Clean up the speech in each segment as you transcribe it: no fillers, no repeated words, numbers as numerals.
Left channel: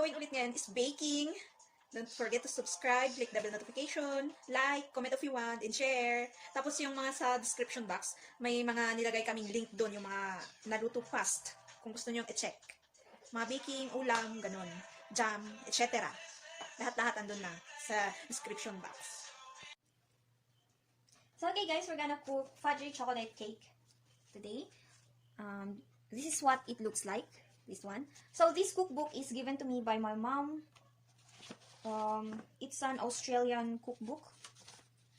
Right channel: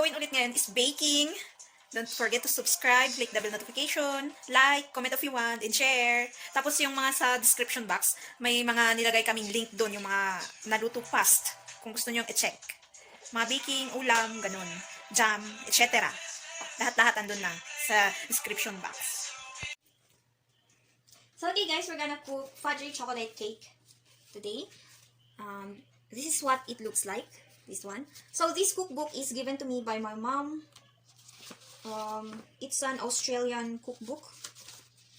gagawin ulit ngayon is baking. Don't forget to subscribe, click the bell notification, like, comment if you want, and share. Tapos yung mga sa description box, may mga nilagay kaming link doon, yung mga naluto fast, kung gusto nyo i-check. Mga baking, ulam, ganun, jam, etc. Lahat-lahat andun na sa description box. So okay guys, we're gonna cook fudgy chocolate cake today. This is what it looks like, this one. So this cookbook is given to me by my mom. It's an Australian cookbook.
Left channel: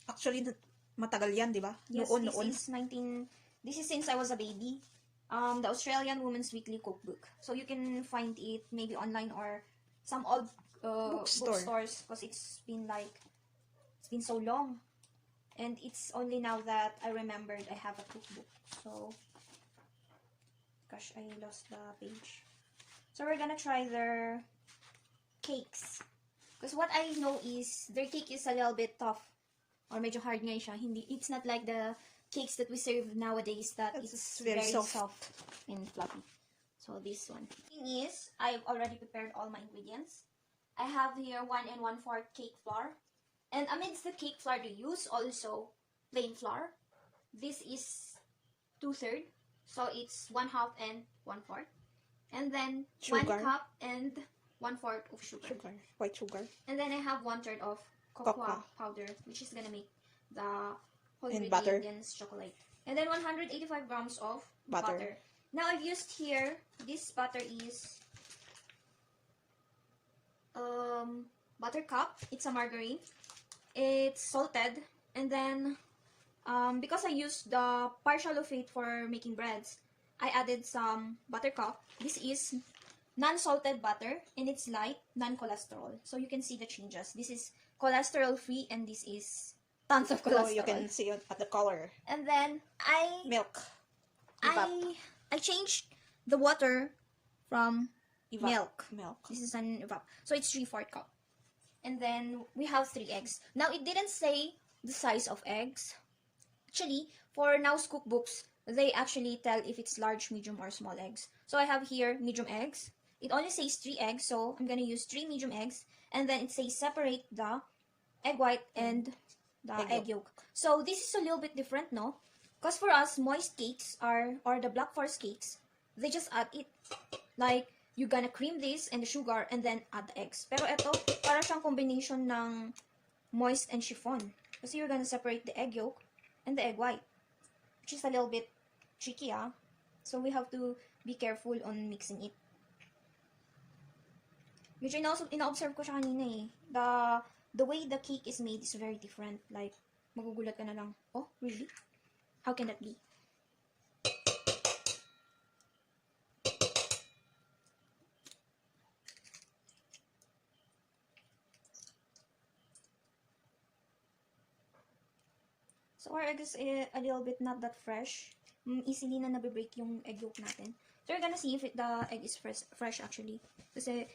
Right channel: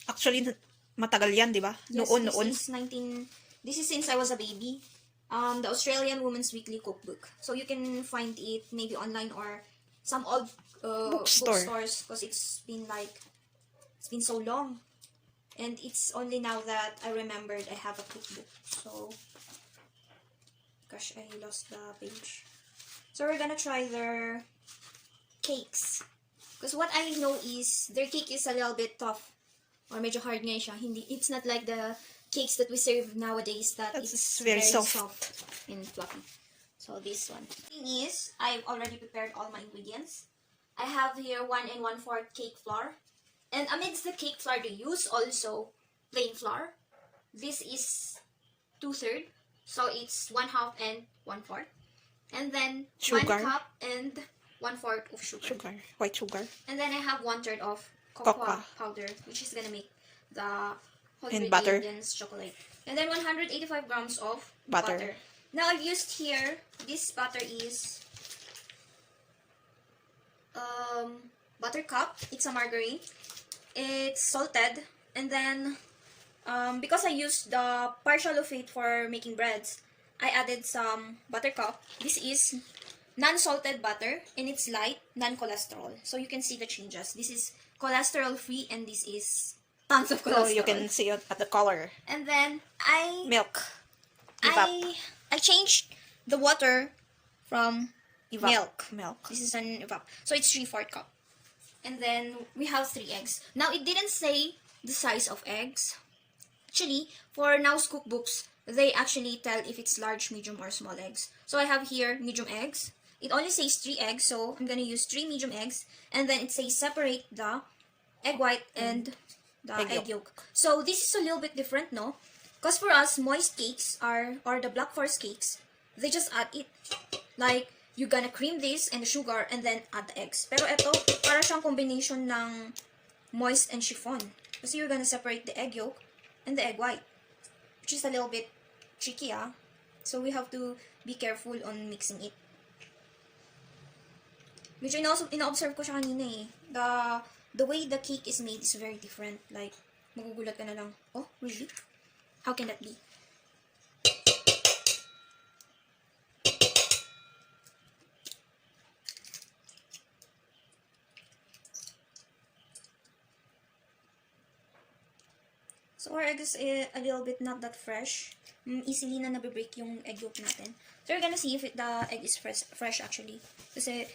Actually, matagal yan, di ba? Yes, Noon. This is since I was a baby. The Australian Women's Weekly Cookbook. So you can find it maybe online or some old bookstores because it's been so long. And it's only now that I remembered I have a cookbook. So, gosh, I lost the page. So we're gonna try their cakes. Because what I know is their cake is a little bit tough. Or medyo hard nga siya. It's not like the cakes that we serve nowadays that it's very soft and fluffy. So this one. The thing is, I've already prepared all my ingredients. I have here 1 1/4 cake flour. And amidst the cake flour they use also plain flour. This is 2/3. So it's 1/2 and 1/4. And then Sugar. 1 cup and 1/4 of sugar. White sugar. And then I have 1/3 of cocoa powder, which is gonna make the whole ingredients chocolate. And then 185 grams of butter. Now I've used here, this butter is butter cup. It's a margarine. It's salted. And then because I used the partial of it for making breads, I added some buttercup. This is non-salted butter, and it's light, non-cholesterol. So you can see the changes. This is cholesterol-free, and this is tons of cholesterol. So you can see it at the color. And then Milk. I changed the water from milk. Milk. This is an evap. So it's 3/4 cup. And then we have 3 eggs. Now it didn't say the size of eggs. Actually, for now's cookbooks, they actually tell if it's large, medium, or small eggs. So I have here medium eggs. It only says 3 eggs, so I'm gonna use 3 medium eggs. And then it says separate the egg white and the egg yolk. So this is a little bit different, no? Because for us, moist cakes or the black forest cakes, they just add it. Like, you're gonna cream this and the sugar and then add the eggs. Pero ito, para siyang combination ng moist and chiffon. Kasi you're gonna separate the egg yolk and the egg white. Which is a little bit tricky, ah. So we have to be careful on mixing it. Medyo ina-observe ko siya kanina eh. The way the cake is made is very different. Like, magugulat ka na lang, oh, really? How can that be? So our egg is a little bit not that fresh. Easily na nabibreak yung egg yolk natin. So we're gonna see if the egg is fresh actually. Kasi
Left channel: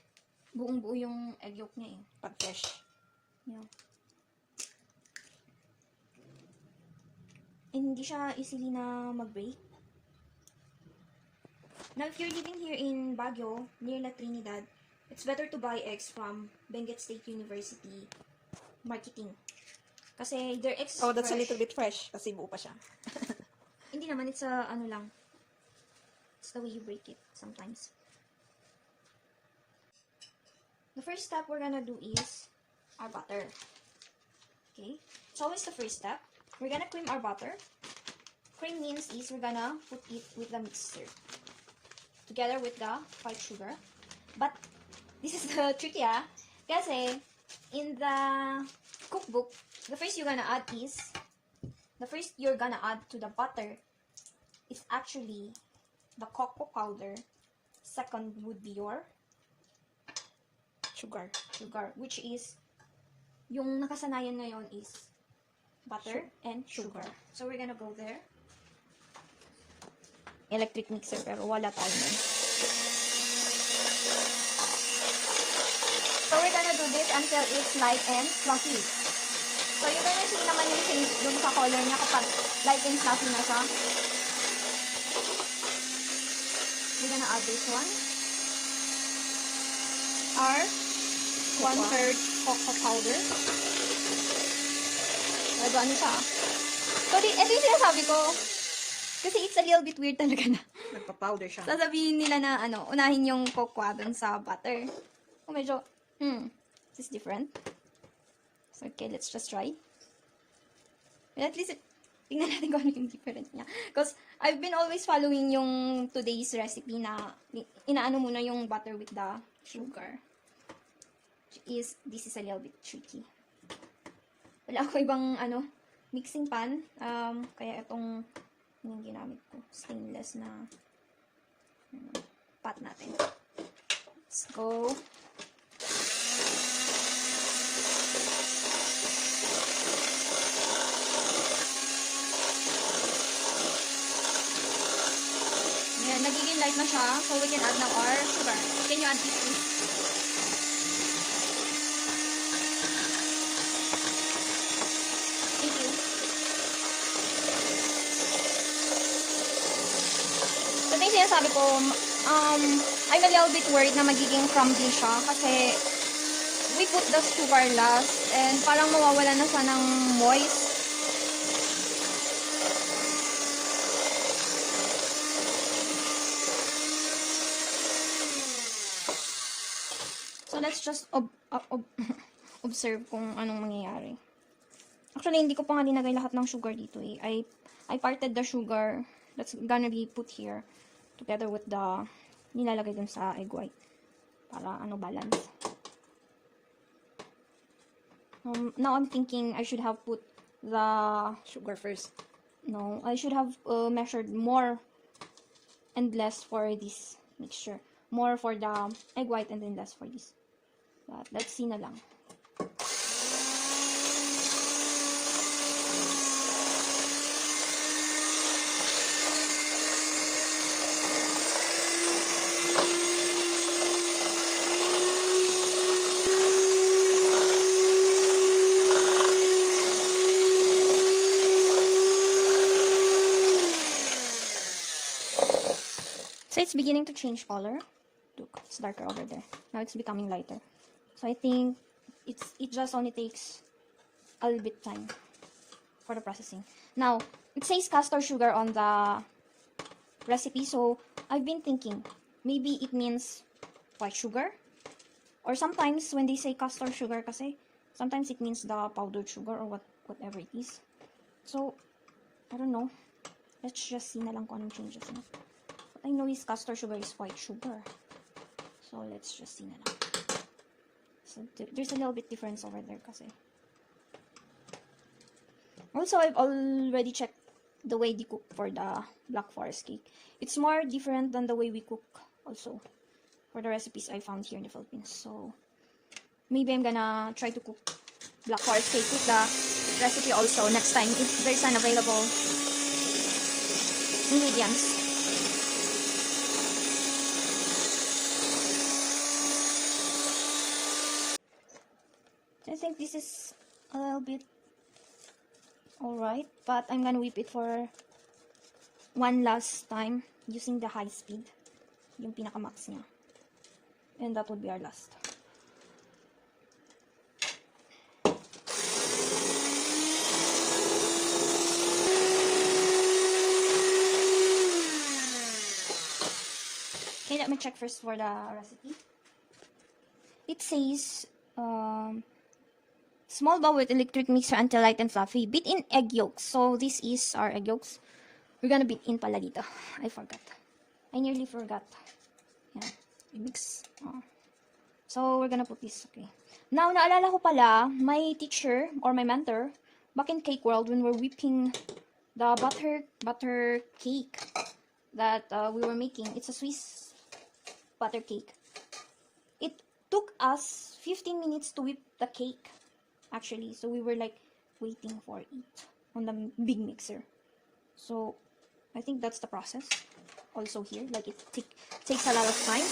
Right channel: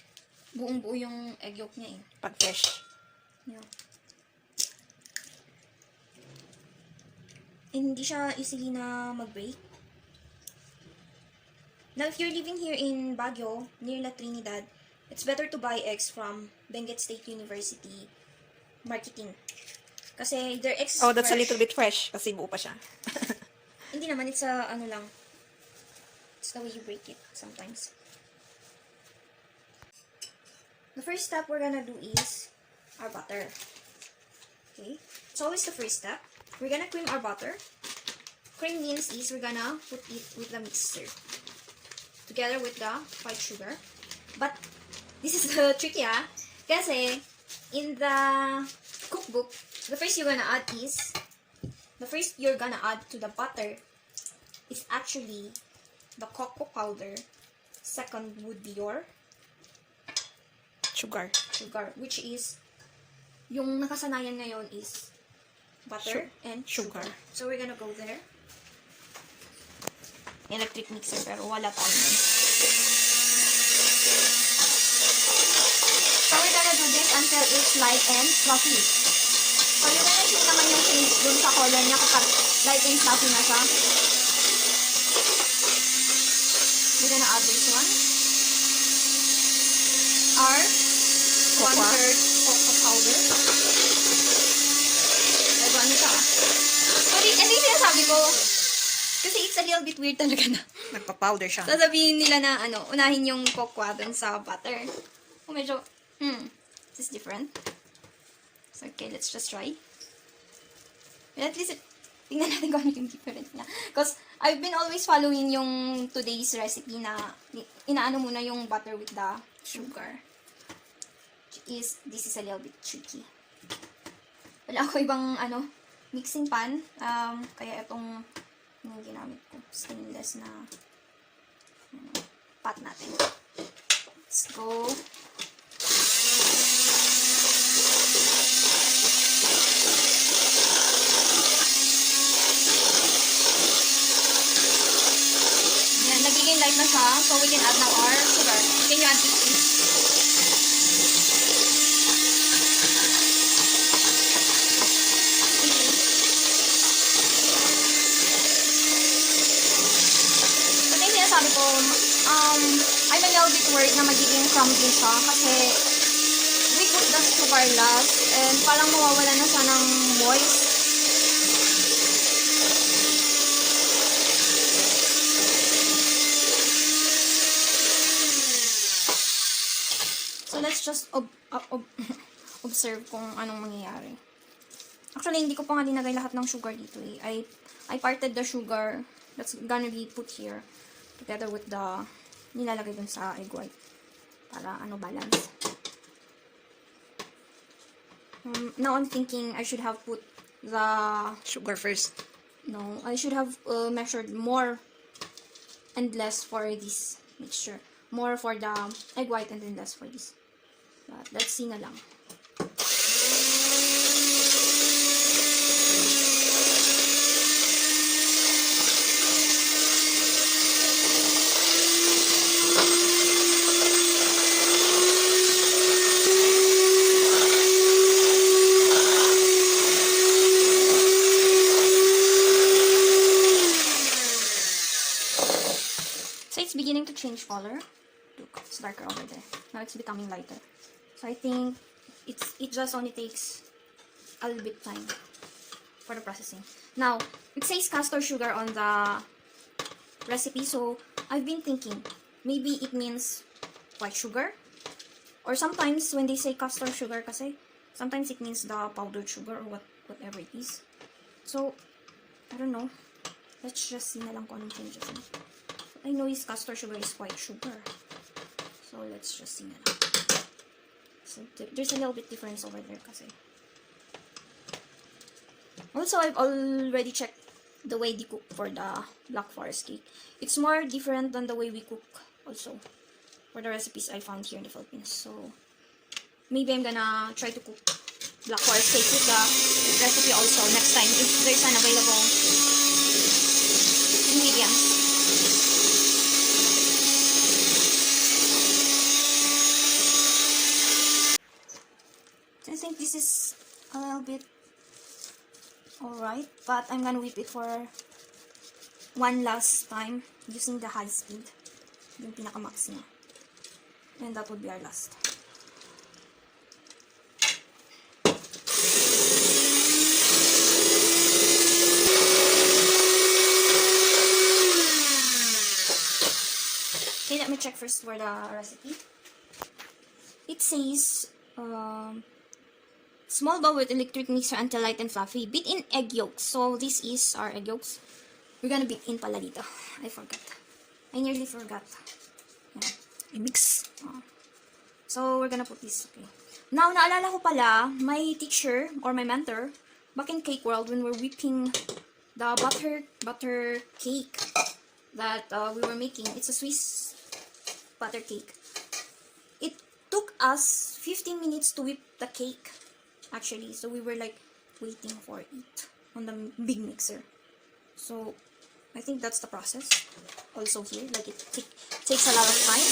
buong-buo yung egg yolk niya eh. Pag fresh. Yeah. And hindi siya easily na mag-break. Now, if you're living here in Baguio, near La Trinidad, it's better to buy eggs from Benguet State University Marketing. Kasi their eggs Oh, that's fresh. A little bit fresh. Kasi buo pa siya. Hindi naman, it's a, ano lang. It's the way you break it sometimes. The first step we're gonna do is our butter. Okay? It's always the first step. We're gonna cream our butter. Cream means is we're gonna put it with the mixer. Together with the white sugar. But, this is tricky ah. Kasi, in the cookbook, the first you're gonna add to the butter is actually the cocoa powder. Second would be your sugar, which is yung nakasanayan ngayon is butter and sugar. So we're gonna go there. Electric mixer pero wala tayo. So we're gonna do this until it's light and fluffy. So you're gonna see naman yung change dun sa color niya kapag light and fluffy na siya. We're gonna add this one. our Cocoa. 1/3 cocoa powder. Diba, ano ka? Sorry, ito yung sinasabi ko. Kasi it's a little bit weird talaga na. Nagpa-powder siya. Sasabihin nila na, unahin yung cocoa dun sa butter. Medyo, this is different. So, okay, let's just try. But at least, tingnan natin kung ano yung difference niya. Because, I've been always following yung today's recipe na, inaano muna yung butter with the sugar. This is a little bit tricky. Wala ako ibang, mixing pan. Kaya itong, yung ginamit ko, stainless na, pot natin. Let's go. Ayan, nagiging light na siya. So, we can add now our sugar. Can you add this, please? Ito yung sinasabi ko, I'm a little bit worried na magiging crumbly siya kasi we put the sugar last and parang mawawala na siya ng moist. So let's just observe kung anong mangyayari. Actually, hindi ko pa nga dinagay lahat ng sugar dito eh. I parted the sugar that's gonna be put here together with the nilalagay dun sa egg white para balance. Now I'm thinking I should have put the Sugar first. no, I should have measured more and less for this mixture. More for the egg white and then less for this. But let's see na lang. So it's beginning to change color. Look, it's darker over there. Now it's becoming lighter. So I think it just only takes a little bit time for the processing. Now, it says castor sugar on the recipe, so I've been thinking maybe it means white sugar. Or sometimes when they say castor sugar kasi, sometimes it means the powdered sugar or whatever it is. So, I don't know. Let's just see na lang kung anong changes na. I know is castor sugar is white sugar. So, let's just see na lang. So, there's a little bit difference over there kasi. Also, I've already checked the way they cook for the Black Forest cake. It's more different than the way we cook also for the recipes I found here in the Philippines. So, maybe I'm gonna try to cook Black Forest cake with the recipe also next time if there's an available ingredients. I think this is a little bit alright, but I'm gonna whip it for one last time using the high speed, yung pinaka-max niya. And that would be our last. Okay, let me check first for the recipe. It says, small bowl with electric mixer until light and fluffy. Beat in egg yolks. So, this is our egg yolks. We're gonna beat in pala dito. I forgot. I nearly forgot. Yan. I-mix. So, we're gonna put this. Okay. Now, naalala ko pala, my teacher or my mentor, back in Cake World, when we're whipping the butter cake that we were making, it's a Swiss butter cake. It took us 15 minutes to whip the cake, actually. So, we were like waiting for it on the big mixer. So, I think that's the process also here. Like, it takes a lot of time.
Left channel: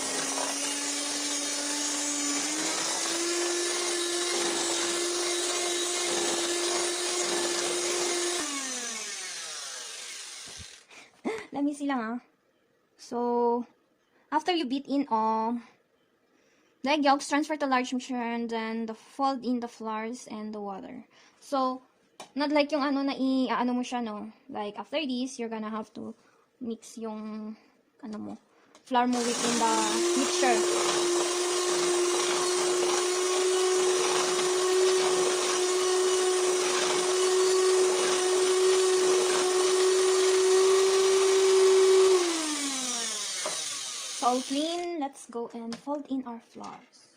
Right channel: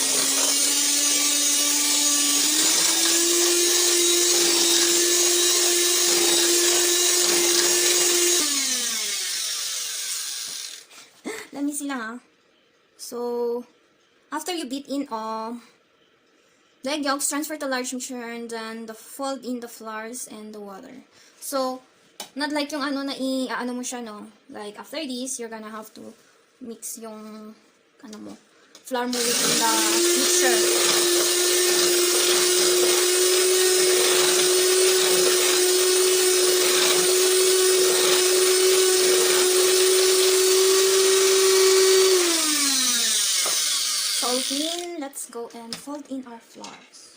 easy lang ah. So, after you beat in the egg yolks, transfer to large mixture, and then fold in the flours and the water. So, not like yung ano na ano mo siya, no? Like, after this, you're gonna have to mix yung, ano mo, flour mo within the mixture. So, all clean, let's go and fold in our flours.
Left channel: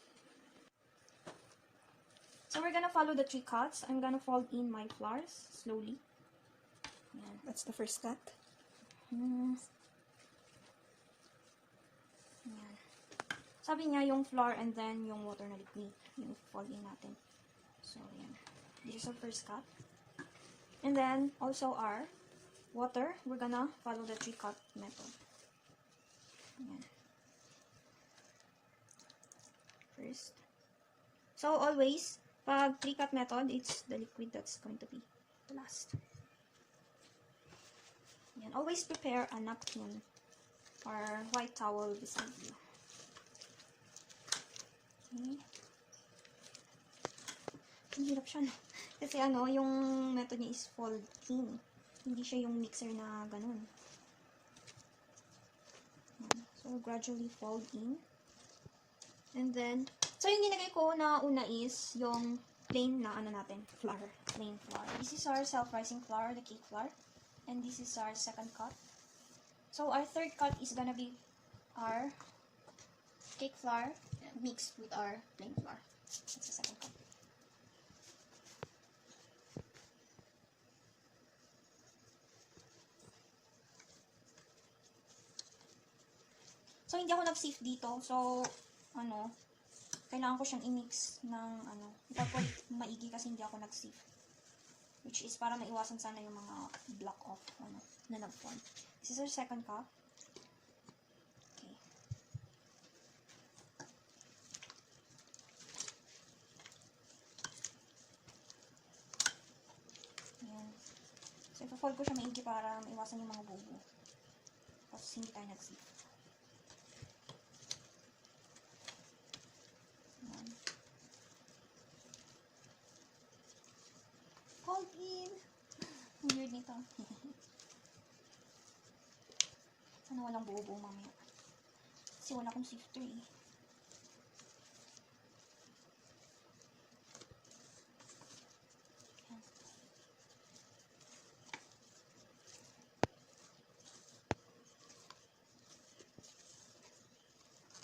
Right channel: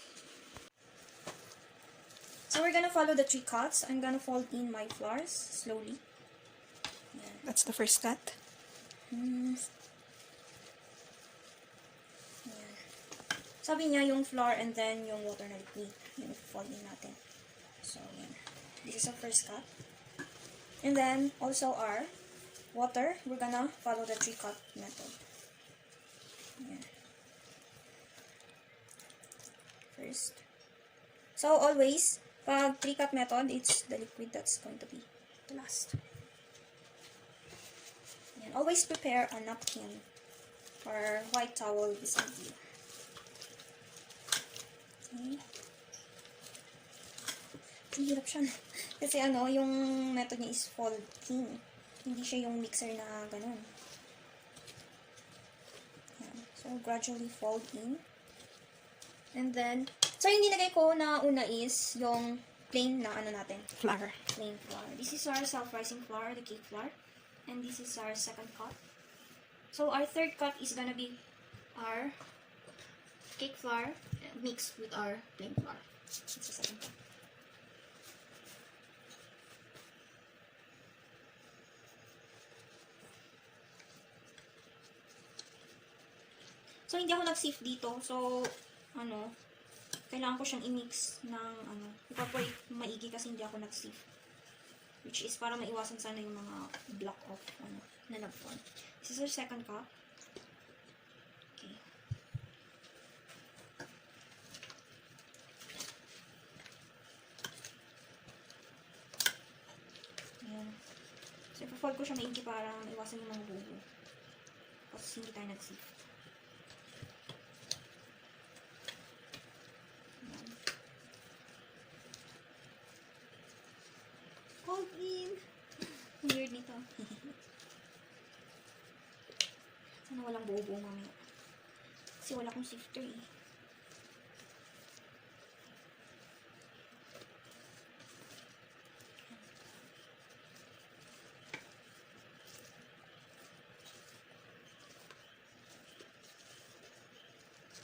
So, we're gonna follow the 3 cuts. I'm gonna fold in my flours slowly. That's the first cut. Yan. Sabi niya yung flour and then yung water na liquid. Yun, fold in natin. So, yan. This is our first cut. And then, also our water. We're gonna follow the 3 cut method. Yan. First. So, always, pag 3 cut method, it's the liquid that's going to be the last. Yan. Always prepare a napkin or white towel beside you. Okay. Ang hirap siya. Kasi ano, yung method niya is folding. Hindi siya yung mixer na ganun. Yan. So, gradually fold in. And then, so yung nilagay ko na una is yung plain na ano natin. Flour. Plain flour. This is our self-rising flour, the cake flour. And this is our second cut. So, our third cut is gonna be our cake flour mixed with our plain flour. It's the second cut. So, hindi ako nag-sift dito. So, ano, kailangan ko siyang i-mix ng, ano, ipag-wait maigi kasi hindi ako nag-sift. Which is para maiwasan sana yung mga block off, ano, na nag-form. This is our second cup. Okay. Ayan. So, ipa-fold ko siya maigi para maiwasan yung mga bubo. Kasi hindi tayo nag-sift. Fold in. Weird nito. Sana walang buo-buo mamaya. Kasi wala akong sifter eh.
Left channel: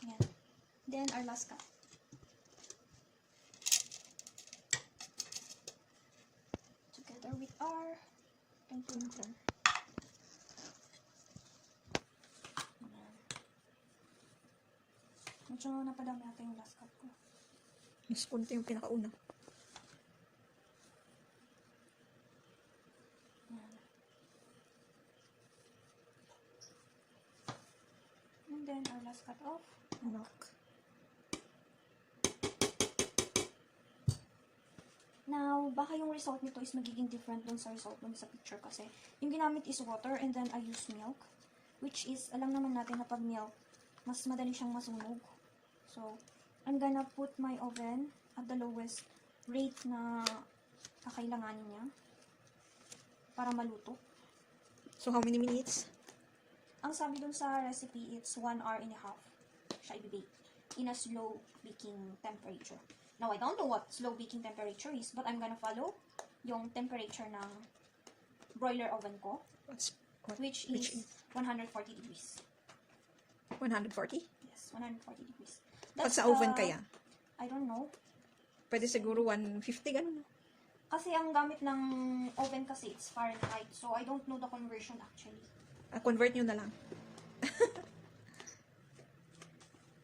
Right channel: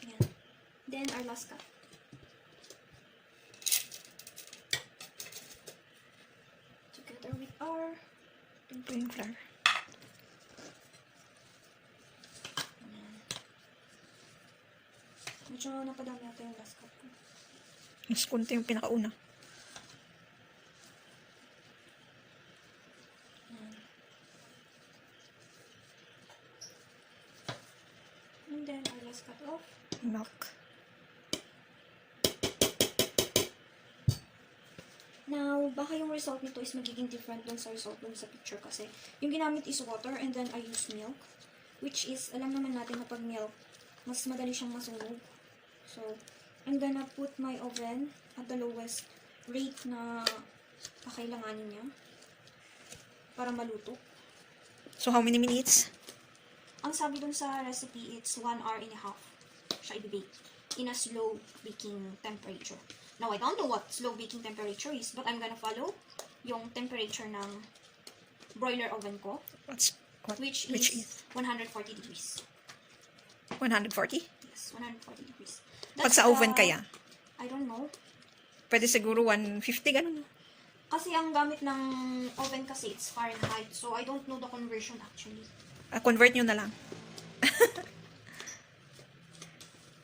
Ayan. Then, our last cup. Together with our Plain flour. medyo napadami natin yung last cup ko. Mas konti yung pinakauna. Ayan. And then, our last cut of Milk. Now, baka yung result nito is magiging different dun sa result dun sa picture kasi yung ginamit is water and then I use milk, which is, alam naman natin na pag milk, mas madali siyang masunog. So, I'm gonna put my oven at the lowest rate na kakailanganin niya para maluto. So, how many minutes? Ang sabi dun sa recipe, it's 1 hour and a half siya i-bake in a slow baking temperature. Now, I don't know what slow baking temperature is, but I'm gonna follow yung temperature ng broiler oven ko, which is 140 degrees. 140? Yes, 140 degrees. Pag sa oven kaya? I don't know. Pwede siguro 150, ganun. Kasi ang gamit ng oven kasi, it's Fahrenheit. So, I don't know the conversion actually. Convert nyo na lang.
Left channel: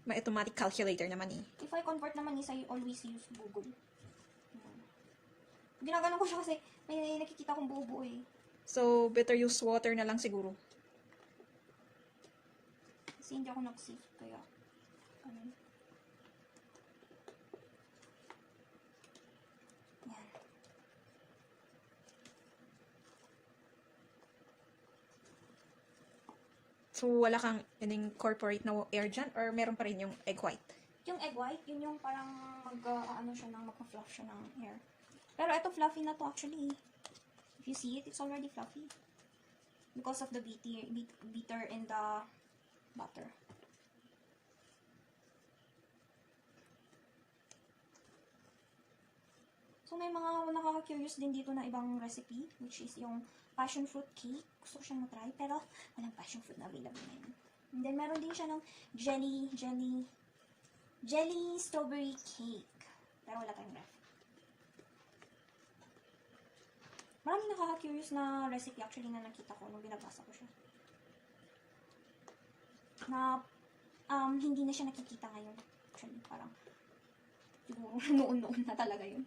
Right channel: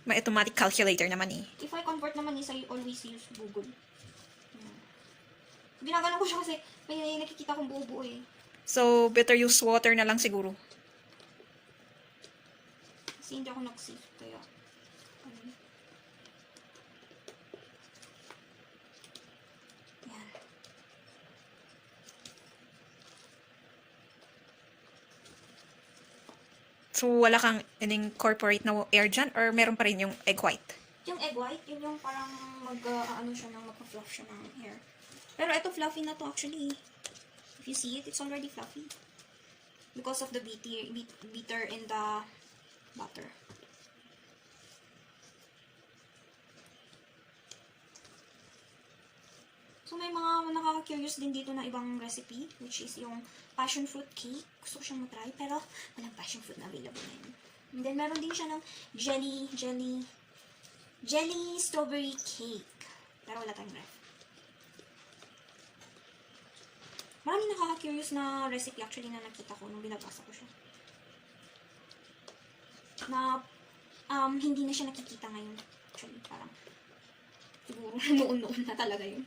May automatic calculator naman eh. If I convert naman is, I always use Google. Yan. Ginagano ko siya kasi may nakikita kong buo-buo eh. So, better use water na lang siguro. Kasi hindi ako nag-save. Kaya, yan. So, wala kang in-incorporate na air dyan or meron pa rin yung egg white? Yung egg white, yun yung parang ano siya ng magka-fluff siya ng hair. Pero ito fluffy na to actually. If you see it, it's already fluffy. Because of the bitter in the butter. So, may mga nakaka-curious din dito na ibang recipe, which is yung passion fruit cake. Gusto ko siyang matry, pero walang passion fruit na available ngayon. And then, meron din siya ng jelly strawberry cake. Pero wala tayong ref. Maraming nakaka-curious na recipe actually na nakita ko nung binabasa ko siya. Na, hindi na siya nakikita ngayon. Actually, parang, siguro, noon-noon na talaga yun.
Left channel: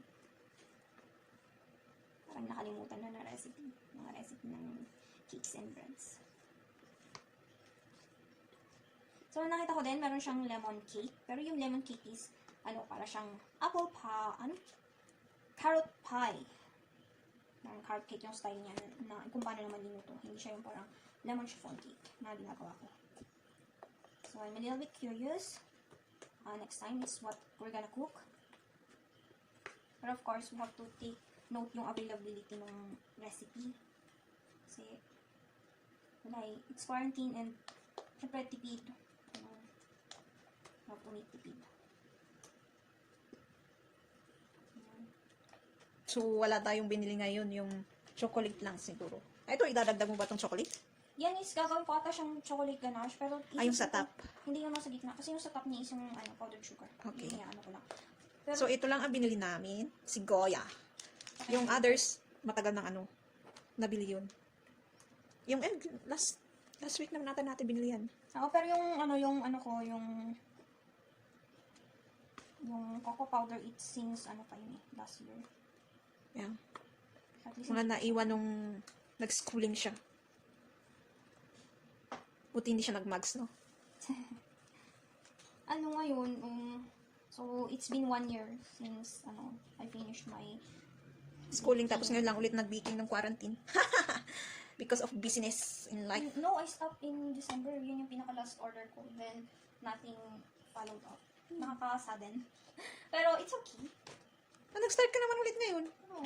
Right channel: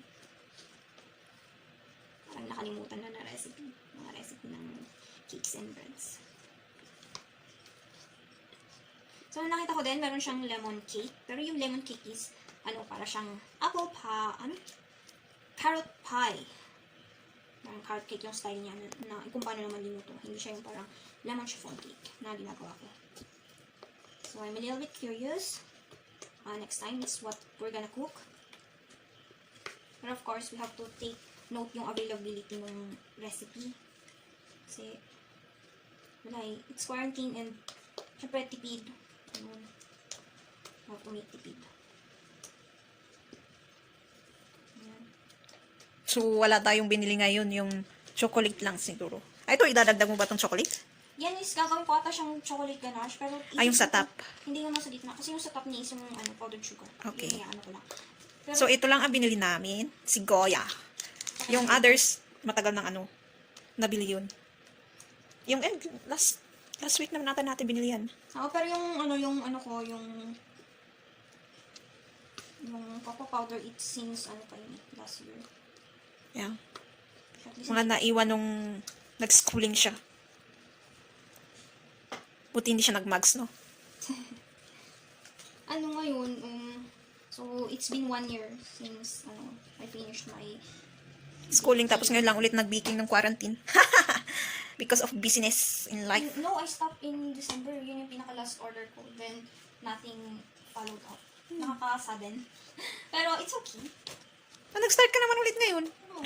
Parang nakalimutan na recipe. Mga recipe ng cakes and breads. So, nakita ko din, meron siyang lemon cake. Pero yung lemon cake is, para siyang carrot pie. Parang carrot cake yung style niya na kung paano naman linuto. Hindi siya yung parang lemon chiffon cake na ginagawa ko. So, I'm a little bit curious. Next time is what we're gonna cook. But of course, we have to take note yung availability ng recipe. Kasi, wala it's quarantine and syempre tipid. Have to make tipid. Ayan. So, wala tayong binili ngayon, yung chocolate lang siguro. Ito, idadagdag mo ba tong chocolate? Yan is, gagawin ko ata siyang chocolate ganache, pero yung sa top? Hindi naman sa gitna, kasi yung sa top niya is yung powdered sugar. Okay. Yung ko lang. Pero, So, ito lang ang binili namin. Si Goya. Yung others, matagal nang nabili yun. Yung egg, last week naman natin binili yan. pero yung cocoa powder, it since, last year. Yeah. Mga naiwan nung nag-schooling siya. Buti hindi siya nag-mags, no? Ngayon, so, it's been 1 year since, I finished my Schooling, tapos ngayon lang ulit nag-baking ng quarantine. Because of business in life. No, I stopped in December. Yun yung pinaka-last order ko. Then, nothing followed up. Nakaka-sudden. Pero, it's okay. Nag-start ka naman ulit ngayon. No.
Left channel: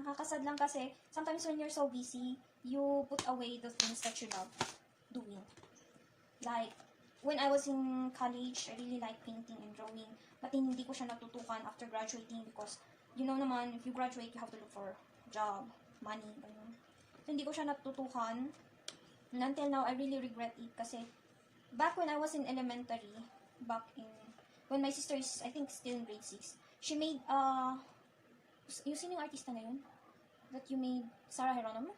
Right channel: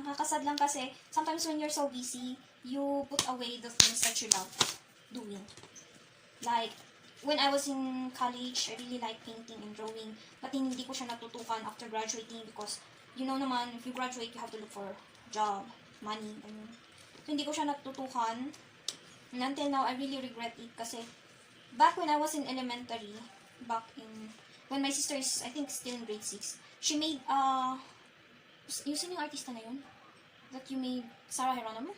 Nakakasad lang kasi, sometimes when you're so busy, you put away the things that you love doing. Like, when I was in college, I really like painting and drawing. But hindi ko siya natutukan after graduating because, you know naman, if you graduate, you have to look for job, money, ganun. So, hindi ko siya natutukan. And until now, I really regret it kasi back when I was in elementary, when my sister is, I think, still in grade 6, she made, sino yung artista na yun? That you made, Sarah Geronimo?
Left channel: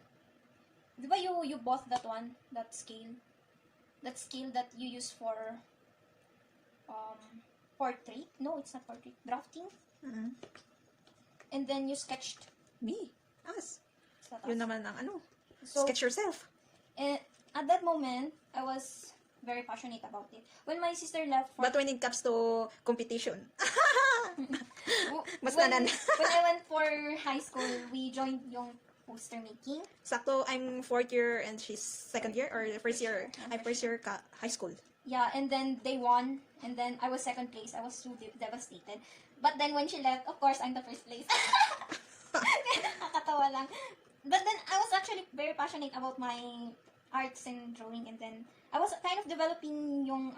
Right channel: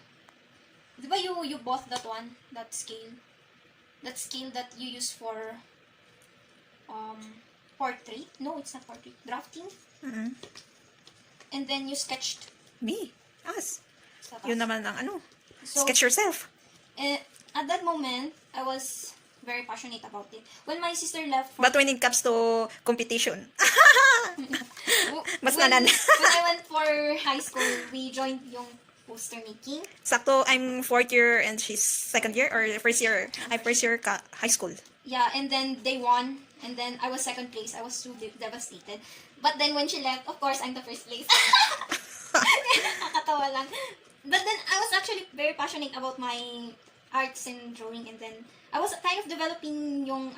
Di ba you bought that one, that scale? That scale that you use for portrait? No, it's not portrait. Drafting? Mm-hmm. And then you sketched. Me? Us. Yun naman ang So, sketch yourself. at that moment, I was very passionate about it. When my sister left But when it comes to competition, mas when nanan. I went for high school, we joined yung poster making. Sakto, I'm 4th year and she's 2nd year or first year. I'm first year high school. Yeah, and then they won, and then I was 2nd place. I was so devastated. But then when she left, of course, I'm the 1st place. Nakakatawa lang. But then I was actually very passionate about my arts and drawing, and then I was kind of developing yung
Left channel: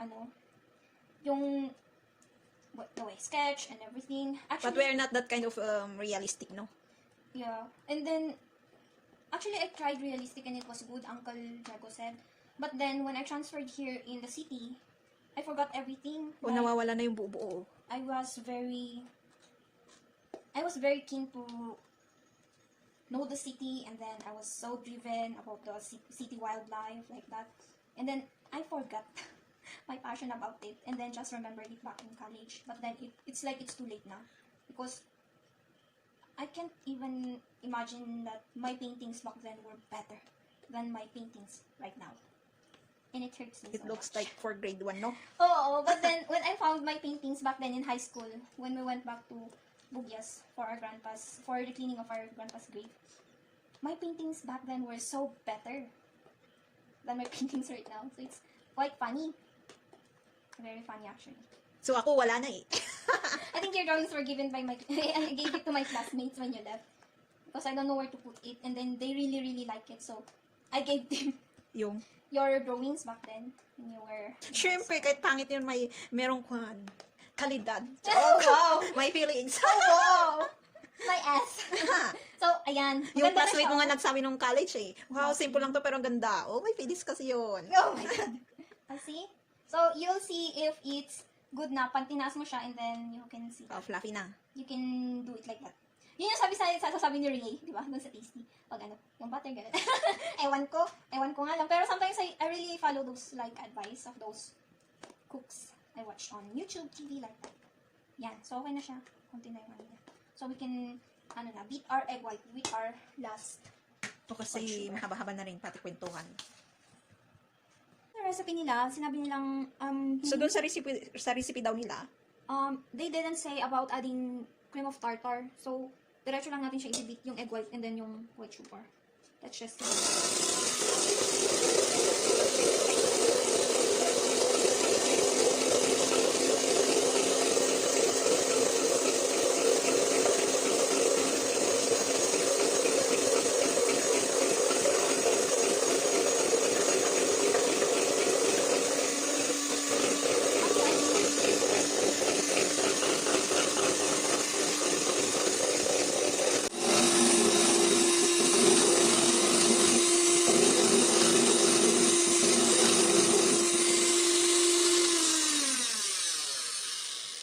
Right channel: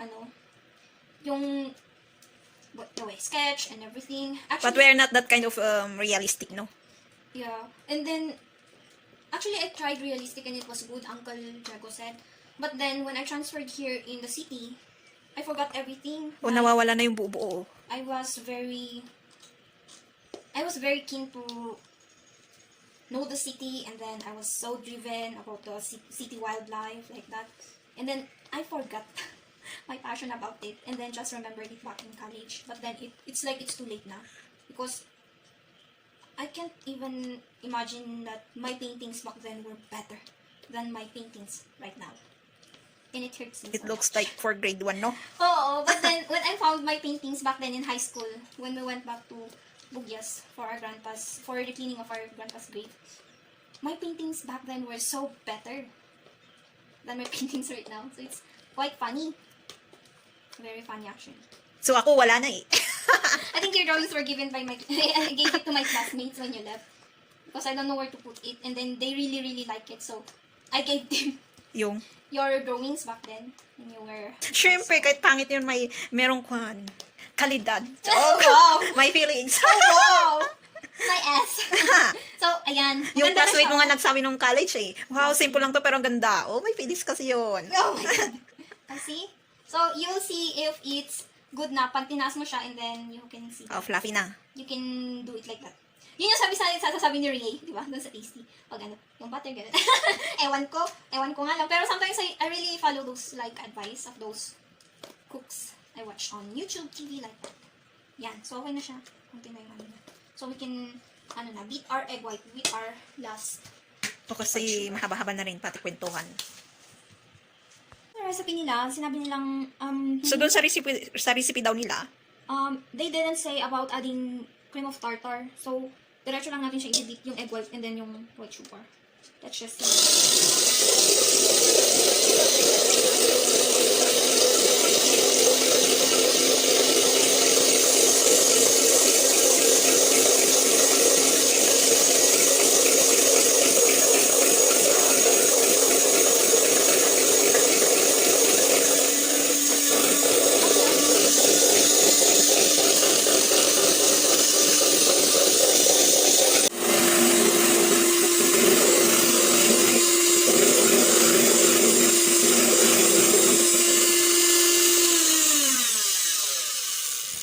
the way sketch and everything. Actually, But we're not that kind of realistic, no? yeah, and then actually I tried realistic and it was good, Uncle Jago said. But then when I transferred here in the city, I forgot everything. O nawawala na yung buo-buo. I was very keen to know the city, and then I was so driven about the city wildlife like that. And then I forgot my passion about it, and then just remembered it back in college. But then it's like it's too late now because I can't even imagine that my paintings back then were better than my paintings right now. And it hurts me It so looks much. like for grade 1, no? Oh, but then when I found my paintings back then in high school, when we went back to Bugyas for the cleaning of our grandpa's grave, my paintings back then were so better than my paintings right now. So it's quite funny. Very funny actually. So ako wala na eh. I think your drawings were given by my I gave it to my classmates when you left. Because I don't know where to put it, and then they really really like it, so I gave them Yung, your drawings back then when you were. syempre, kahit pangit yun, merong kalidad. Oh wow! My feelings. Oh wow! My ass. So ayan. Yung maganda na classmate siya. mo nga nagsabi nung college eh. Wow, simple lang to pero ang ganda. Oh, may feelings kasi yun. Oh my god. See? So you'll see if it's good na pag tinaas mo siya, and then you can see. Oh, fluffy na. You can do it like that. Yun yung sasabi ni Ray, di ba? Doon sa Tasty. Pag ano, yung butter, gano'n. ewan ko nga lang. Pero sometimes I really follow those like advice of those cooks I watch on YouTube TV like that. Yan. So okay na siya. Konti na yung ano na. So we can, beat our egg white with our last. O kasi mahaba-haba na rin pati kwentuhan. Ang recipe nila, sinabi nilang, So doon sa recipe daw nila, they didn't say about adding cream of tartar. So, diretso lang natin siya i-dip yung egg white and then yung white sugar. Let's just see.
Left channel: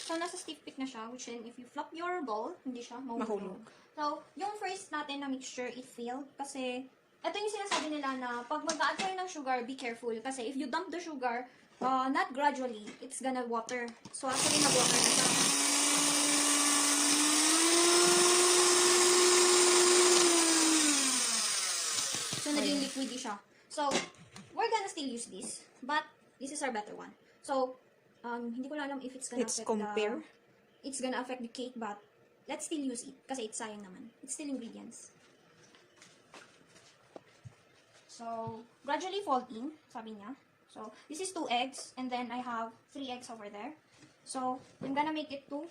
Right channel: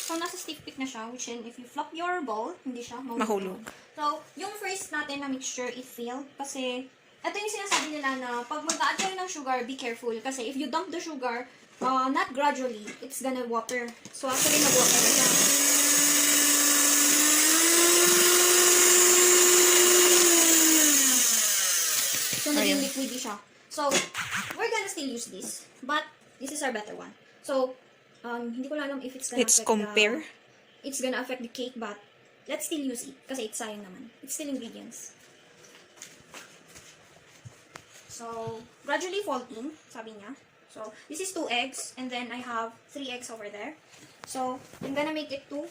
So, nasa stiff peak na siya, which then, if you flop your bowl, hindi siya mahulog. So, yung first natin na mixture, it failed. Kasi, ito yung sinasabi nila na, pag mag-add kayo ng sugar, be careful. Kasi, if you dump the sugar, not gradually, it's gonna water. So, actually, mag-water na siya. So, naging liquidy siya. So, we're gonna still use this. But, this is our better one. So, hindi ko lang alam if it's gonna Let's affect compare. it's gonna affect the cake, but let's still use it. Kasi it's sayang naman. It's still ingredients. So, gradually fold in, sabi niya. So, this is 2 eggs, and then I have 3 eggs over there. So, I'm gonna make it 2.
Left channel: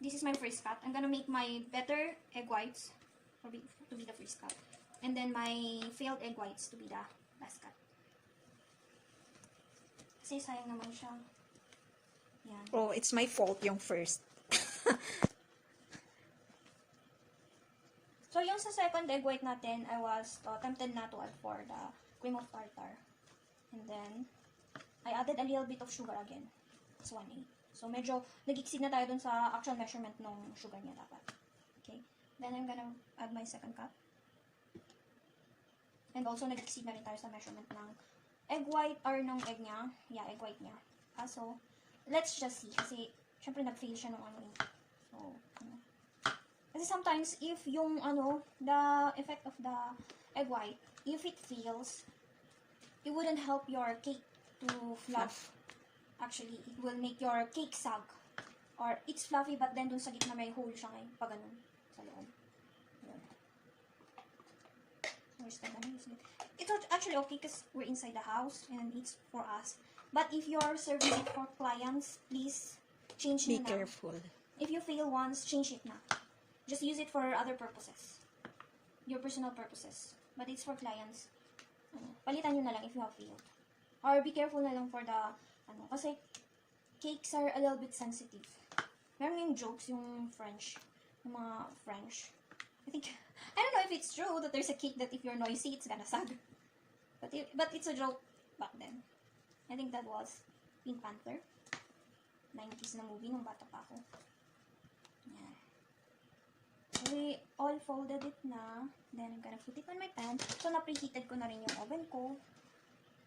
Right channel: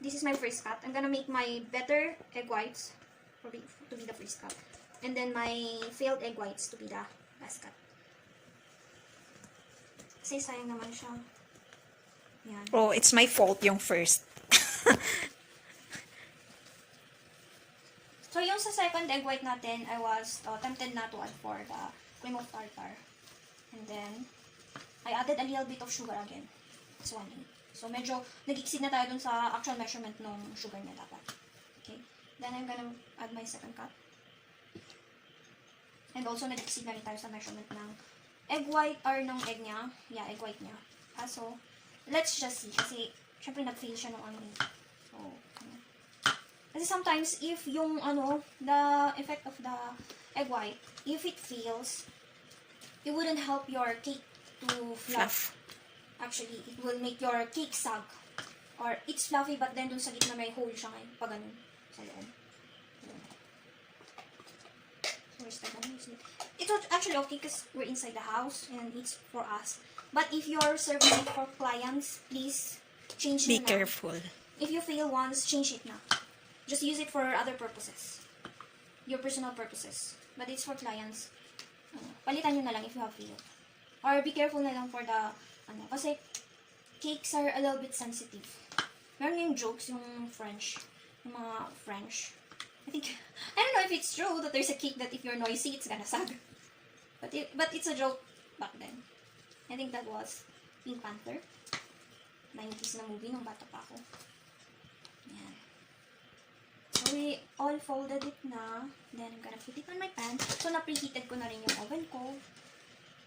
This is my first cut. I'm gonna make my better egg whites to be the first cut. And then my failed egg whites to be the last cut. Kasi sayang naman siya. Yan. Oh, it's my fault yung first. So, yung sa second egg white natin, I was tempted na to add for the cream of tartar. And then, I added a little bit of sugar again. It's 1 egg. So, medyo nag-exceed na tayo dun sa actual measurement ng sugar niya dapat. Okay. Then, I'm gonna add my second cup. And also, nag-exceed na rin tayo sa measurement ng egg white or ng egg niya. Yeah, egg white niya. So, let's just see. Kasi, syempre, nag-fail siya nung ano eh. So, kasi sometimes, if yung, the effect of the egg white, if it fails, it wouldn't help your cake to fluff. Actually, it will make your cake sag. Or, it's fluffy, but then dun sa gitna may hole siya ngayon. Pag ganun. Sa loob. Where's the ganun? It's actually okay because we're inside the house and it's for us. But if you're serving it for clients, please change Be it na. careful. If you fail once, change it na. Just use it for other purposes. Your personal purposes. But it's for clients. Palitan nyo na lang if you have failed. Or be careful na lang for the, kasi cakes are a little bit sensitive. Meron yung jokes, yung French. Yung mga French. I don't know if it's true that there's a cake that if you're noisy, it's gonna sag. But it's a joke back then. I think that was Pink Panther. 90s na movie nung bata pa ako. Yan. So, we all folded it na. Then, I'm gonna put it on my pan. So, na-preheated ko na rin yung oven ko.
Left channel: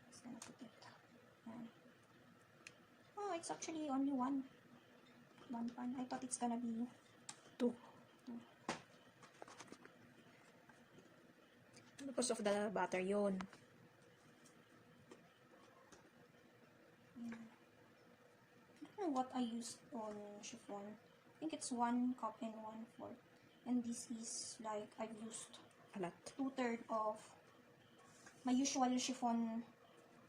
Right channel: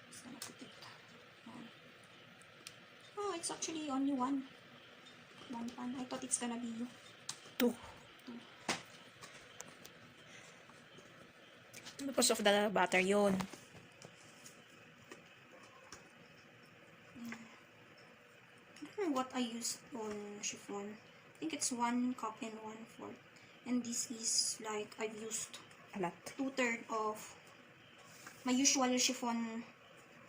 Just gonna put it on. Oh, it's actually only one pan. I thought it's gonna be 2. Because of the butter yun. I don't know what I used on chiffon. I think it's 1 cup and 1/4. And this is like I've used A lot. 2/3 of my usual chiffon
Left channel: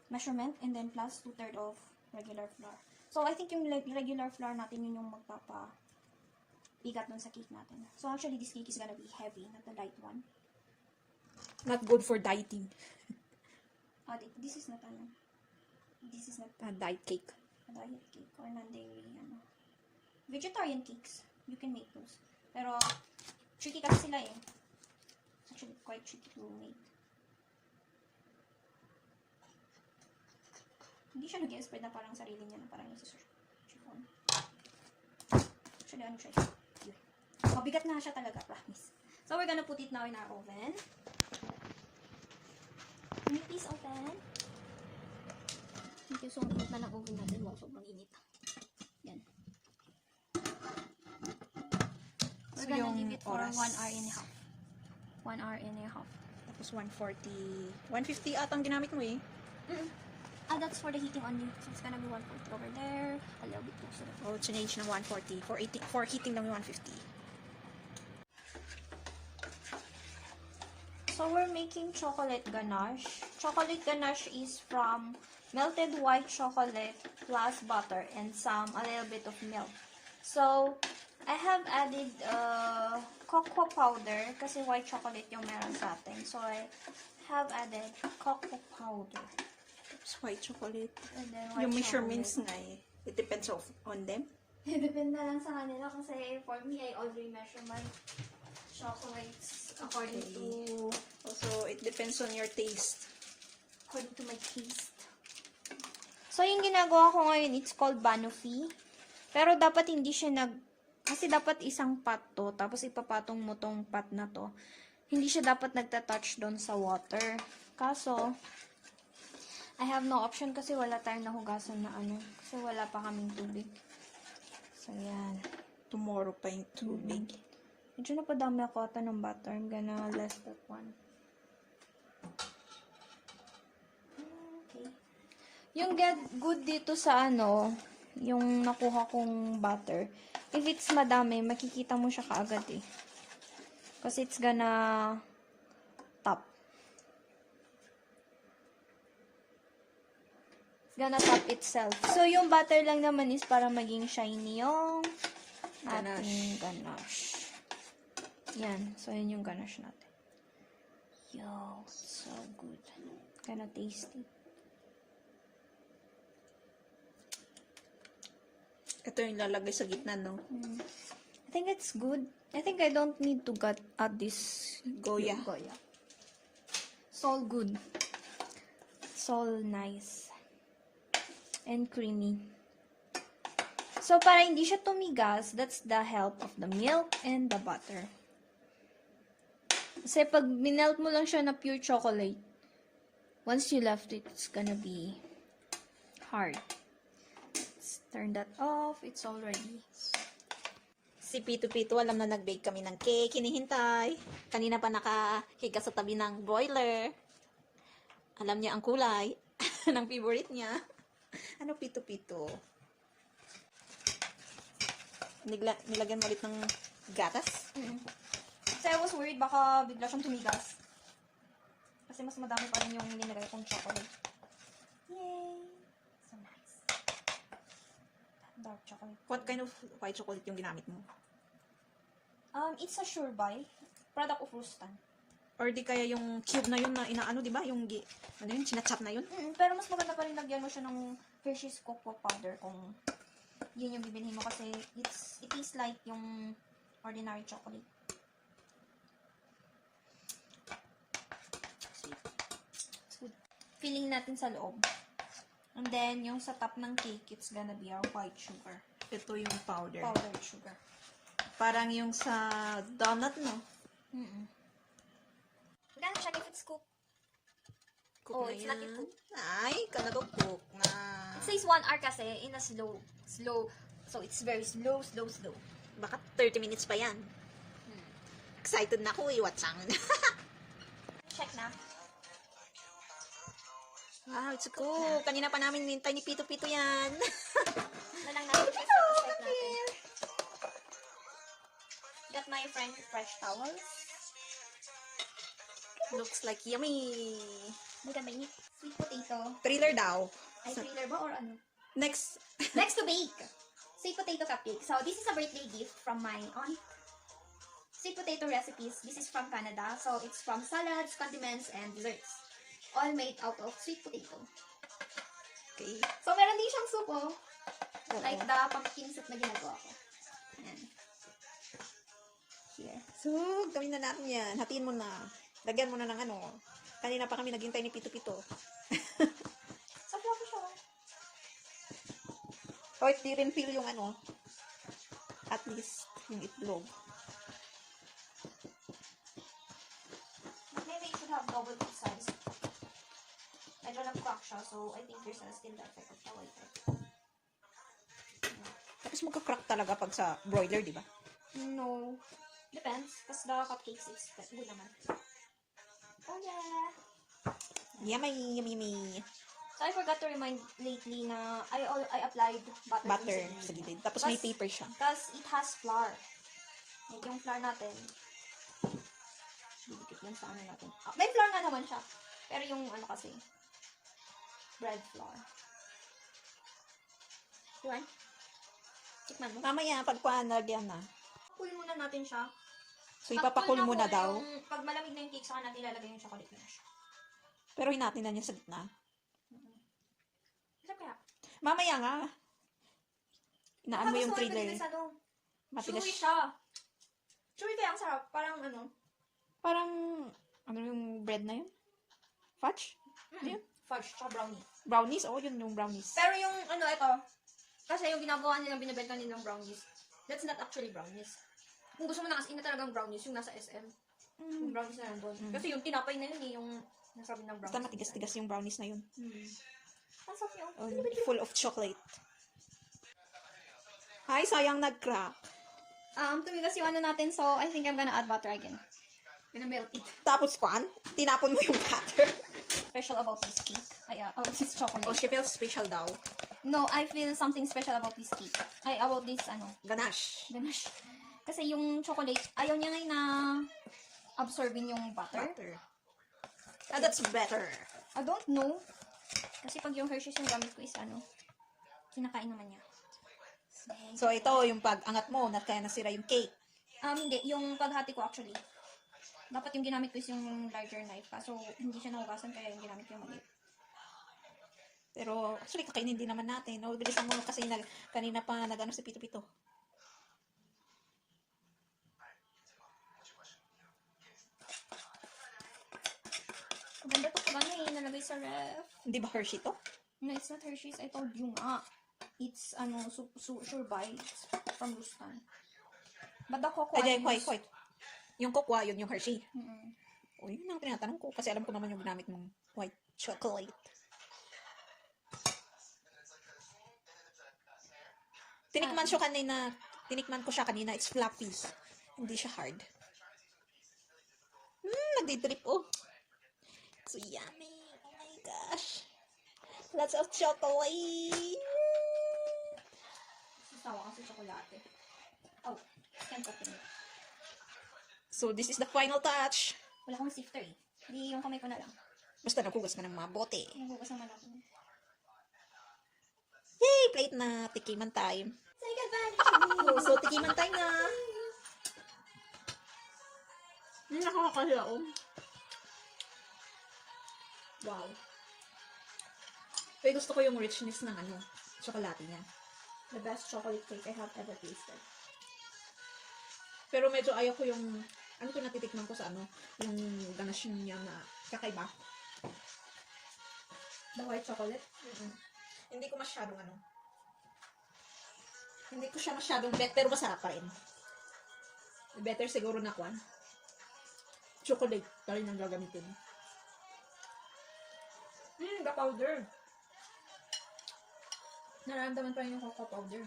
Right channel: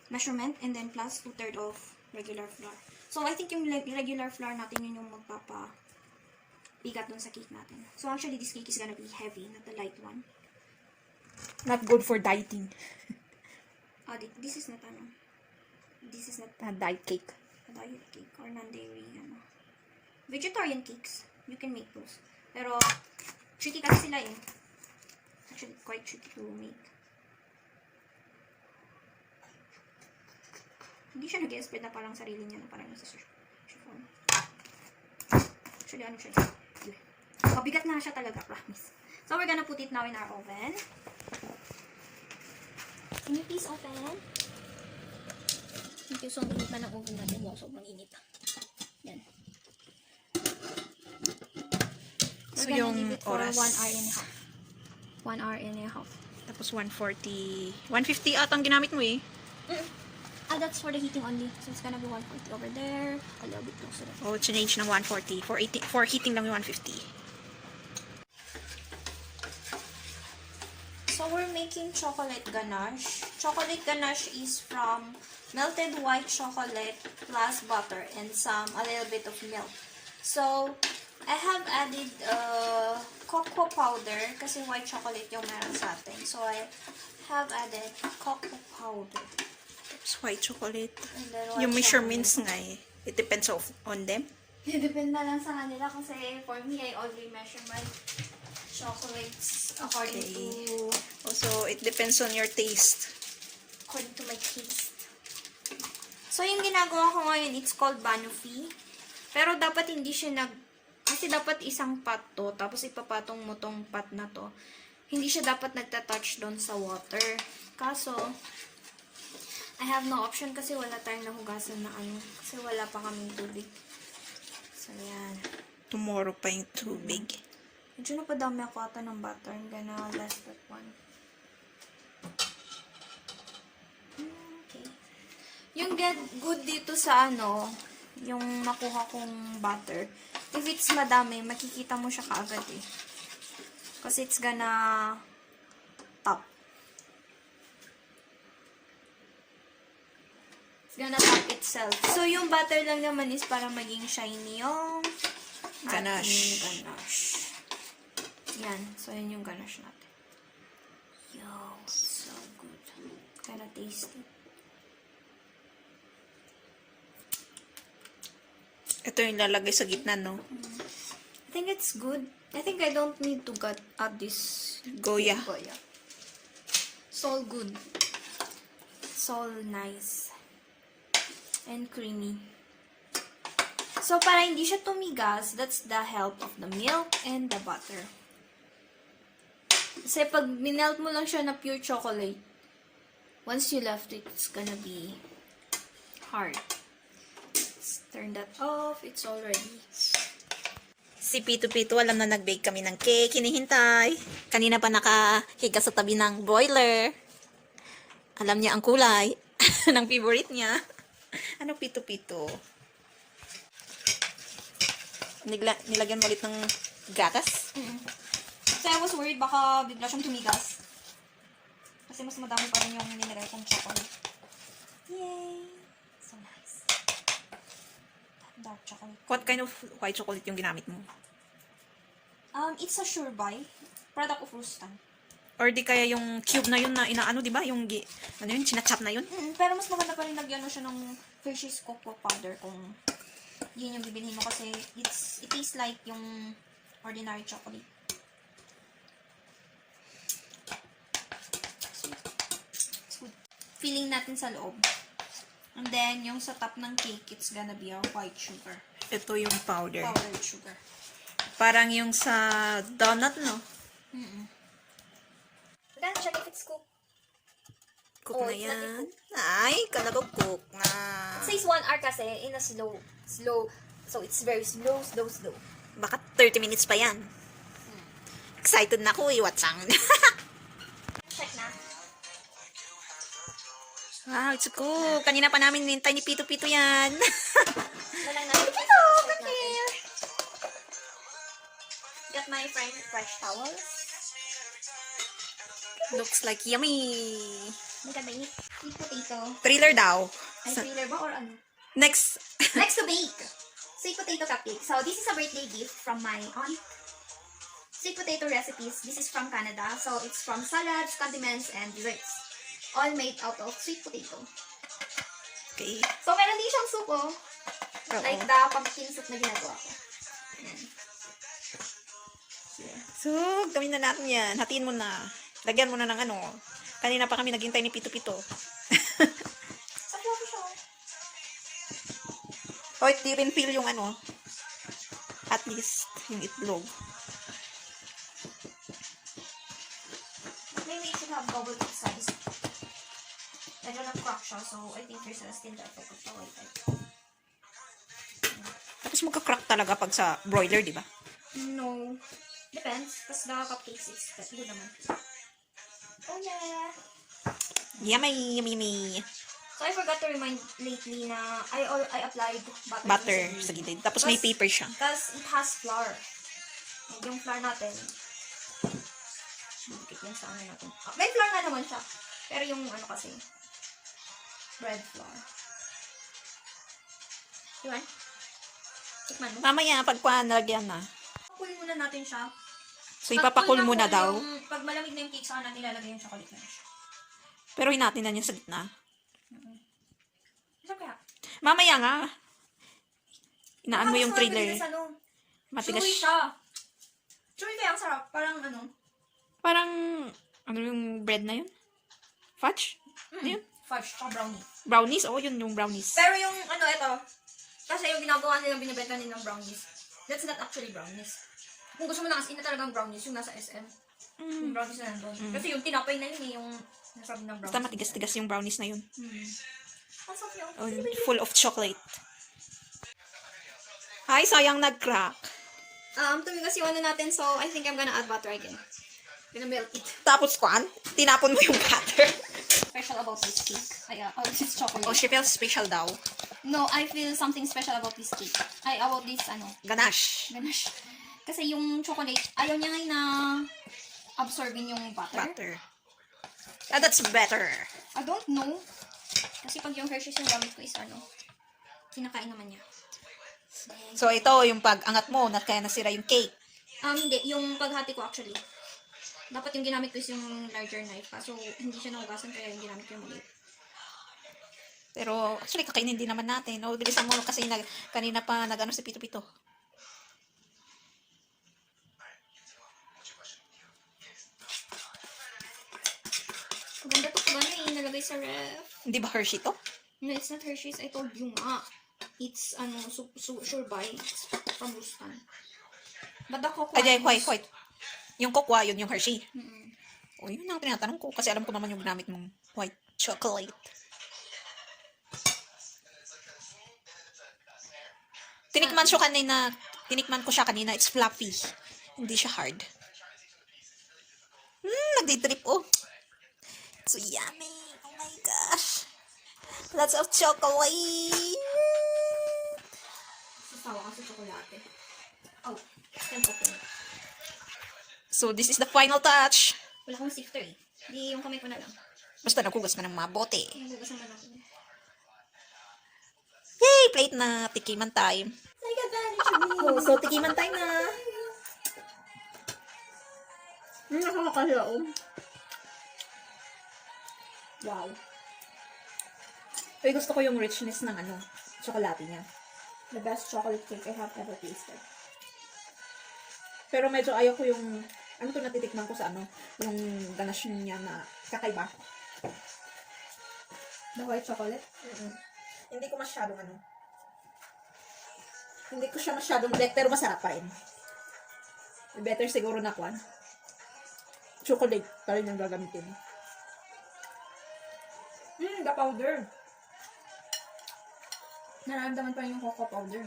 measurement, and then plus 2/3 of regular flour. So, I think yung regular flour natin yun yung magpapabigat dun sa cake natin. So, actually, this cake is gonna be heavy, not the light one. Not good for dieting. This is not this is not Diet cake. a diet cake or non-dairy, vegetarian cakes. You can make those. Pero, tricky kasi sila eh. Actually, quite tricky to make. Hindi siya nag-spread na parang sarili niya, na parang nasa chiffon. Actually, ano siya? Mabigat na siya talaga, promise. So, we're gonna put it now in our oven. Can you please open? Thank you. So, ang init na ng oven natin. Wow, sobrang init. Yan. So, We're gonna yung leave it for oras. 1 hour and a half. 1 hour and a half. Tapos 140. 150 atang ginamit mo eh. That's for the heating only. So, it's gonna be 140 over there. A little bit closer. Oh, change ng 140. For heating lang yung 150. So, we're making chocolate ganache. Chocolate ganache is from melted white chocolate plus butter and a little bit of milk. So, I have added cocoa powder kasi white chocolate yung meron sa atin. So, I have added cocoa powder. It's white chocolate. And then white Yung measurements nga eh. It depends on them. Depende lang sa kanila kasi for me, I only measure my chocolates according to Also, it depends on your taste. my taste. So, yung ginagawa ko ngayon, it's called banoffee. Pero dapat hindi siya kasi dapat isang pot to, tapos ipapatong mo tong pot na to. Hindi siya dapat nagtatouch doon sa water. Kaso, I have no option kasi wala tayong nahugasan na kasi wala pa kaming tubig. So, yan. Tomorrow pa yung tubig. Medyo napadami ako ata ng butter. I'm gonna less that one. Okay. Yung good dito sa yung nakuha kong butter, if it's madami, makikita mo siya kaagad eh. Kasi it's gonna top. It's gonna top itself. So, yung butter lang naman is para maging shiny yung Ganache. ganache. Yan. So, yun yung ganache natin. Yo, so good. Kinda tasty. Ito yung lalagay sa gitna, no? I think it's good. I think I don't need to add this Goya. Goya. It's all good. It's all nice. And creamy. So, para hindi siya tumigas, that's the help of the milk and the butter. Kasi pag minelt mo lang siya na pure chocolate, once you left it, it's gonna be hard. Let's turn that off. It's already. Si Pito-Pito, alam na nag-bake kami ng cake. Hinihintay. Kanina pa nakahiga sa tabi ng boiler. Alam niya ang kulay ng favorite niya. Ano Pito-Pito? Nilagyan mo ulit ng gatas? So, I was worried baka bigla siyang tumigas. Kasi mas madami pa rin yung linagay kong chocolate. Yay! So nice. Dark chocolate. What kind of white chocolate yung ginamit mo? It's a sure buy. Product of Rustan. Or di kaya yung cube na yun na inaano, di ba? Yung, chinachap na yun? Pero mas maganda pa rin lagyan mo siya ng Hershey's cocoa powder kung yun yung bibilhin mo kasi it tastes like yung ordinary chocolate. Filling natin sa loob. And then, yung sa top ng cake, it's gonna be our white sugar. Ito yung powder. Powdered sugar. Parang yung sa donut, no? Then, check if it's cooked. Cook na It's not yan. Ay, kala ko cook na. It says 1 hour kasi in a slow. So, it's very slow. Baka 30 minutes pa yan. Excited na ako, iwatsang. Check na. Wow, it's cool. Kanina pa namin nintay ni Pito-Pito yan. Nalang natin. Hello, come here. Got my fresh towels. Looks like yummy. Hindi ka mainit. Sweet potato. Thriller daw. Ay, thriller ba or ano? Next. Next to bake. Sweet potato cupcake. So this is a birthday gift from my aunt. Sweet potato recipes. This is from Canada. So it's from salads, condiments, and desserts. All made out of sweet potato. Okay. So meron din siyang soup, oh. Oo. Like the pumpkin soup na ginagawa ko. Ayan. Yeah. So, gawin na natin yan. Hatiin mo na. Lagyan mo na ng ano. Kanina pa kami naghintay ni Pito-Pito. Sa fluffy siya, oh. O, di rin feel yung ano. At least, yung itlog. Maybe it should have double its size. Medyo nag-crack siya, so I think there's still the effect of the white egg. Tapos magka-crack talaga pag sa broiler, di ba? No. Depends. Kasi the cupcakes, it's good naman. Oh yeah! Yummy, yummy, yummy. So I forgot to remind lately na I applied Butter sa gilid. Tapos may paper siya. Because it has flour. Yung flour natin. Bakit yan sa ano natin? Ah, may flour na naman siya. Pero yung ano kasi, bread flour. Diwan? Tikman mo. Mamaya, pagkuhan, nalagyan na. Pakul muna natin siya. So, ipapakul muna daw. Pag malamig na yung cake, saka natin lalagay yung chocolate na siya. Pero hinatin na niya sa gitna. Isa kaya? Mamaya nga. Inaan mo yung Tapos trailer. matigas, ano, Matigas. chewy siya. Chewy kaya ang sarap. Parang ano. Parang, ano yung bread na yun? Fudge? Ano yun? Fudge, tsaka brownie. Brownies? Oo, yun yung brownies. Pero yung ano, ito. Kasi yung ginagawa nilang binibenta nilang brownies. That's not actually brownies. Kung gusto mo na kasi na talagang brownies, yung nasa SM. Yung brownies na nandun. Kasi yung tinapay na yun eh, yung nasabi ng brownies. Basta matigas-tigas yung brownies na yun. Ang sarap niya. Oh, full of chocolate. Ay, sayang nag-crack. Tumigas yung ano natin, so I think I'm gonna add butter again. Gonna melt it. Tapos kwan, tinapon mo yung butter. Special about this cake. This chocolate. Oh, she feels special daw. No, I feel something special about this cake. About this, Ganache. ganache. Kasi yung chocolate, ayaw niya ngayon na absorbin yung butter. Butter. Ah, that's better. I don't know. Kasi pag yung Hershey's yung gamit ko is kinakain naman niya. So, ito yung pag-angat mo, na kaya nasira yung cake. Hindi. Yung paghati ko actually. Dapat yung ginamit ko is yung larger knife. Kaso hindi siya nahugasan kaya yung ginamit ko yung maliit. Pero, actually, kakainin din naman natin. No? Bilisan mo kasi kanina pa nag-ano si Pito-Pito. Maganda to pag nalagay sa ref. Hindi ba Hershey to? No, it's not Hershey's. I told you nga. It's, sure bites from Rustan. But the cocoa Ay, wait. Yung cocoa, yun yung Hershey. Mm-mm. O, yun ang tinatanong ko. Kasi alam ko naman yung ginamit mong white chocolate. Tinikman ko siya kanina. It's fluffy. Hindi siya hard. Nagdi-drip, oh. So yummy. Oh my gosh. Lots of chocolate. Sasawa ka sa tsokolate. Oh, can't open it. So this is the final touch. Wala akong sifter eh. Di yung kamay ko na lang. Basta naghugas ka ng mabote. Nagugas naman ako. Yay! Plate na. Tikiman time. Take advantage of me. So, tikiman time na. Nakakakaya, oh. Wow. Pero gusto ko yung richness ng chocolate niya. The best chocolate cake I have ever tasted. Pero medyo ayaw ko yung, to natitikman ko sa yung ganache niya na kakaiba. The white chocolate? Hindi ko masyadong hindi ko siya masyadong bet, pero masarap pa rin. Better siguro na kwan. Chocolate pa rin yung gagamitin. The powder. Nararamdaman pa rin yung cocoa powder.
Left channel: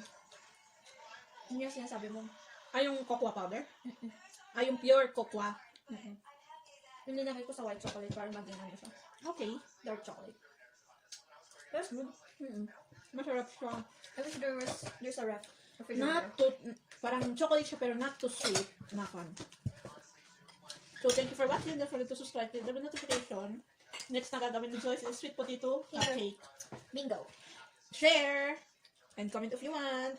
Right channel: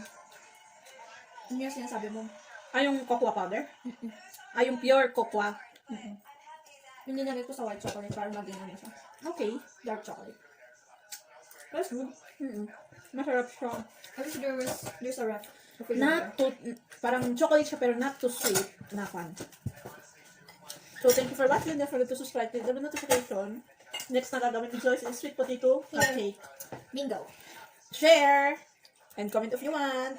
Ano yung sinasabi mo? Yung cocoa powder? Yung pure cocoa. Yung nilagay ko sa white chocolate para maging siya. Okay. Dark chocolate. That's good. Masarap siya. I wish there's a wrap. Not too, parang chocolate siya pero not too sweet na kwan. So, thank you for watching. Don't forget to subscribe, click the notification. Next na gagawin ni Joyce is sweet potato cupcake. Bingo. share, and comment if you want.